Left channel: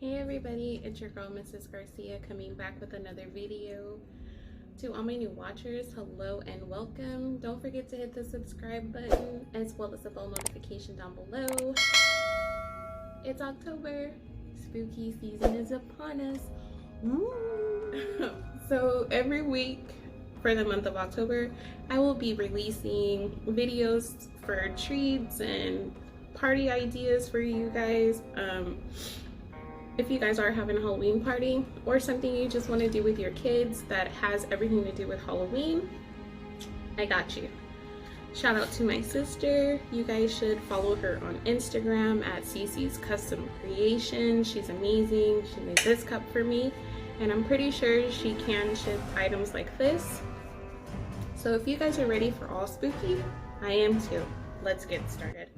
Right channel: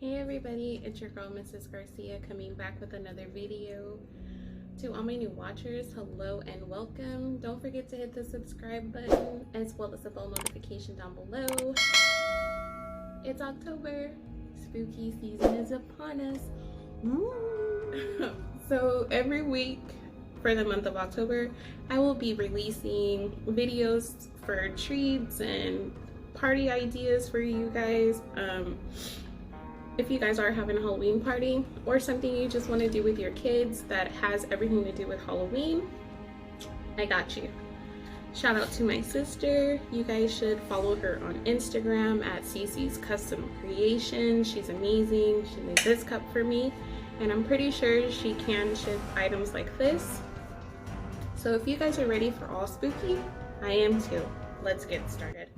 Hey everybody, it's your girl Mrs. Garcia coming back with another video. To all my new watchers, hello and welcome. Don't forget to hit the subscribe button as well as the bell notification down below. It's October, spooky season is upon us. Woo! So every week for the month of October, I will be releasing videos for treats and party ideas for you guys. If you guys are having a Halloween party or something you just want to do with your kids that has everything to do with Halloween, I got you. Shout out to my sister. You guys should follow her on Instagram at Cece's Custom Creation. She's amazing. She made this cup for me and I'm pretty sure she can ship items like this. So if you guys are ready for all spooky, I am too. Let's get started.